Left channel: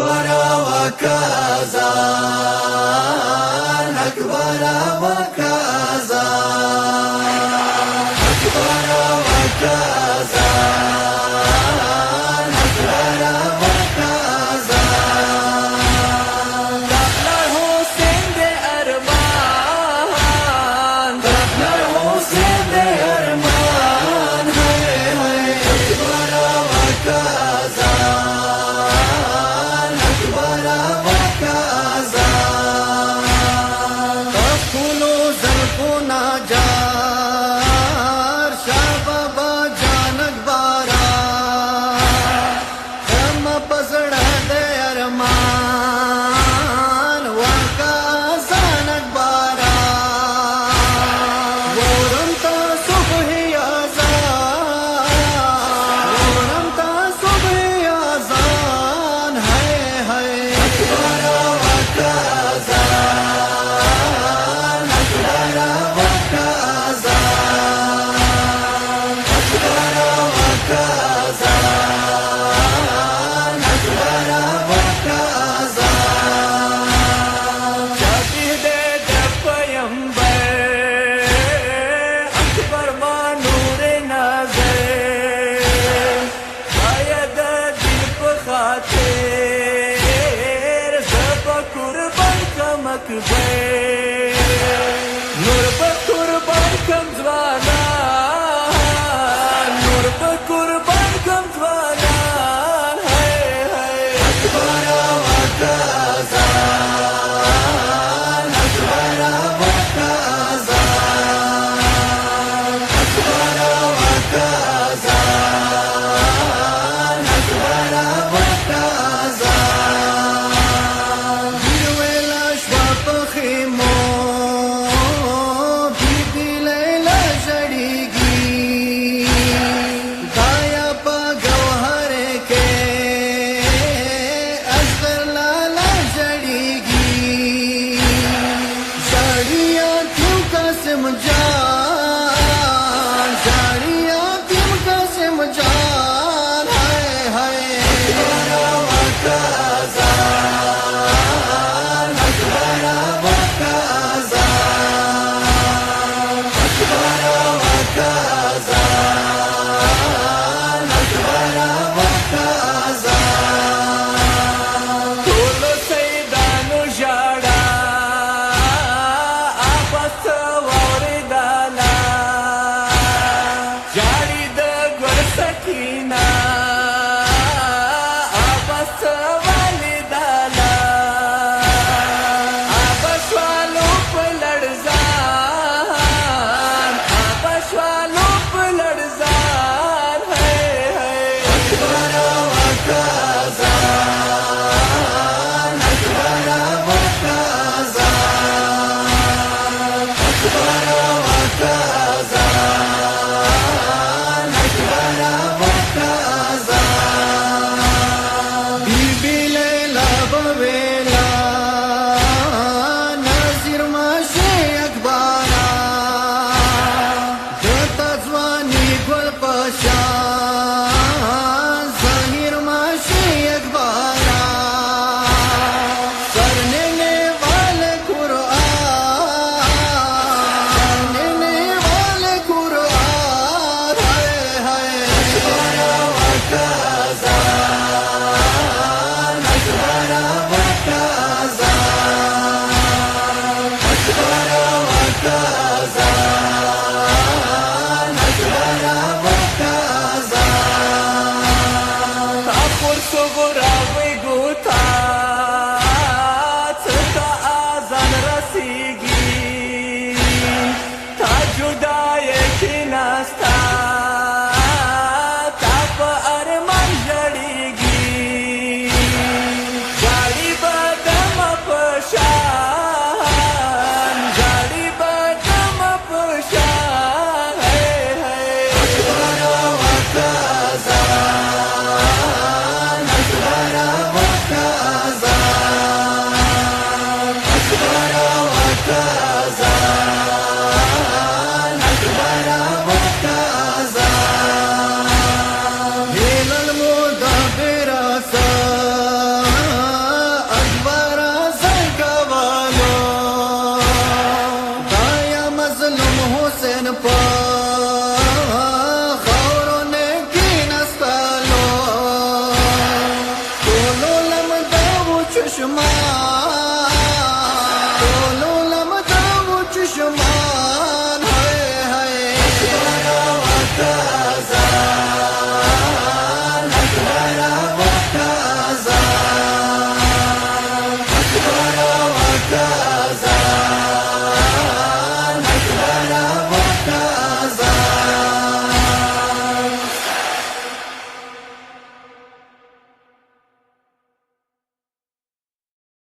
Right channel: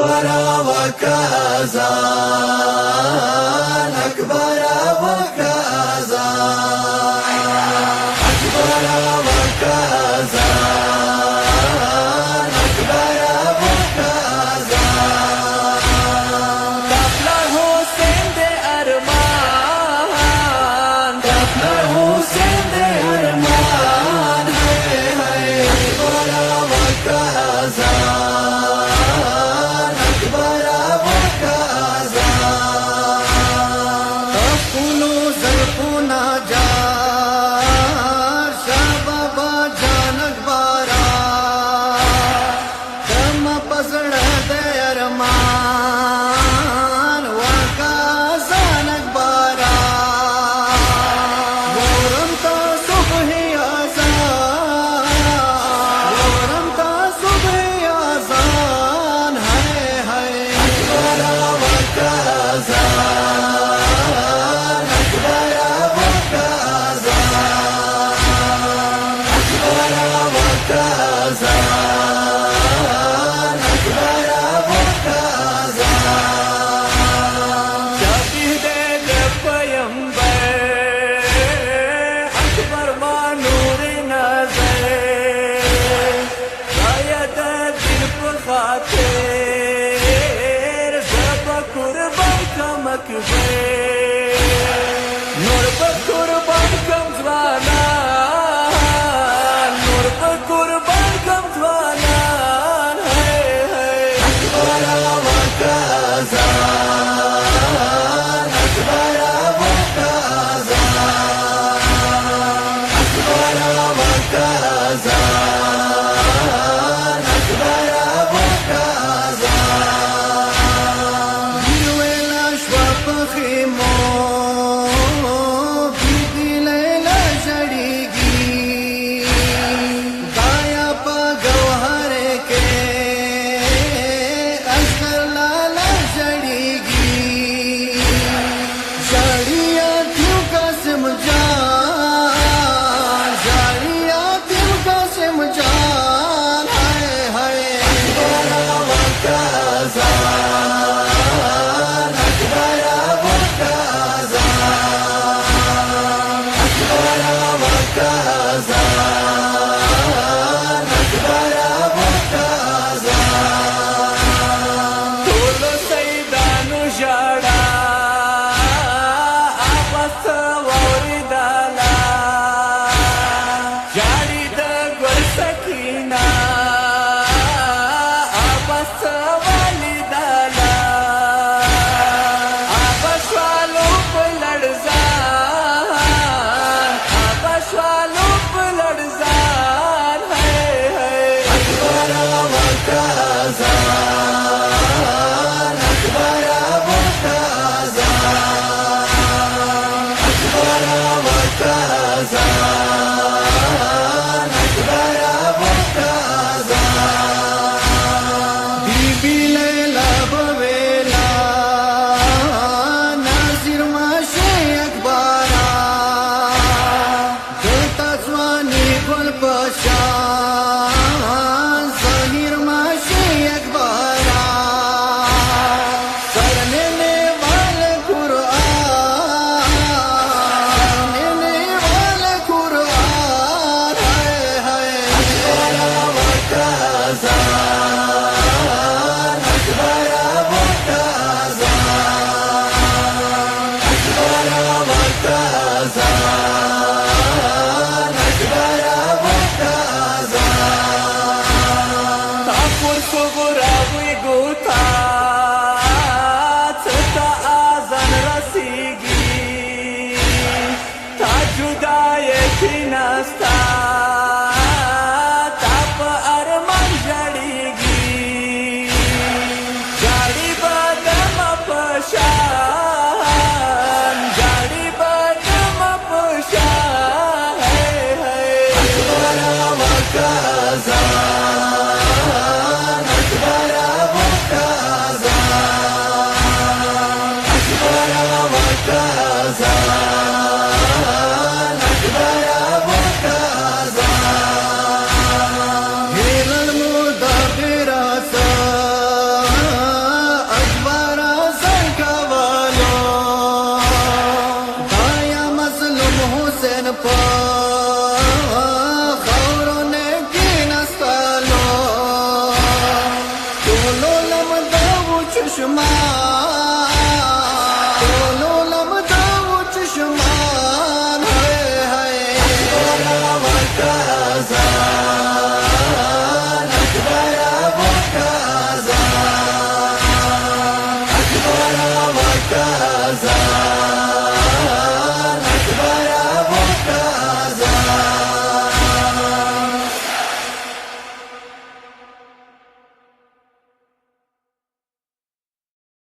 أكبر وكأذان أكبر وكأذان أكبر وكأذان أكبر وكأذان داخل حسین دے ارمان داخل حسین دے ارمان ہے أكبر وكأذان أكبر وكأذان تخلو زلفنا جار شاہ بابا جانک بارا دم پسڑ دے ارمان وکازانک بارا ورم تا صبح آزان ورم تا صبح آزان ہے أكبر وكأذان أكبر وكأذان أكبر وكأذان أكبر وكأذان شبیه دے پیمبر اکبر ما نور نظر شاید دل په خاطر زب قربان کم اکبر نور په قربان کم ځوانان نور په قربان کم ځوانان ہے أكبر وكأذان أكبر وكأذان أكبر وكأذان أكبر وكأذان بیرویلا شوا پخیمو بیبی لیلا جڑیگی دایا پا گوہر کے اصغر لالا جڑیگی جڑیا تیو قاسم جان جڑیا تیو قاسم جان ہائے ہائے وكأذان أكبر وكأذان أكبر وكأذان أكبر وكأذان ټولو سیدانو ژړا آپس واورېدله ژاړي د ګل سکینه آپس ولیدله آپس والو په لړزان آپس والو په لړزان ہے أكبر وكأذان أكبر وكأذان أكبر وكأذان أكبر وكأذان بیبی لیلا بویلا ناظر ماشه اکبارا دتا ځواني ګل پشان ظاهر ماشه اکبارا سرنے والے قرآن سرنے والے قرآن ہے وكأذان أكبر وكأذان أكبر وكأذان أكبر وكأذان تاپور صغرا وی گوتا تا آزان رسیگی تا جدای کی نستا تا پا ارمان جڑیگی جاڑی بدم پشان جاڑی بدم پشان ہے أكبر وكأذان أكبر وكأذان أكبر وكأذان أكبر وكأذان pa khauro ne kina salo tolo lam da bu chushma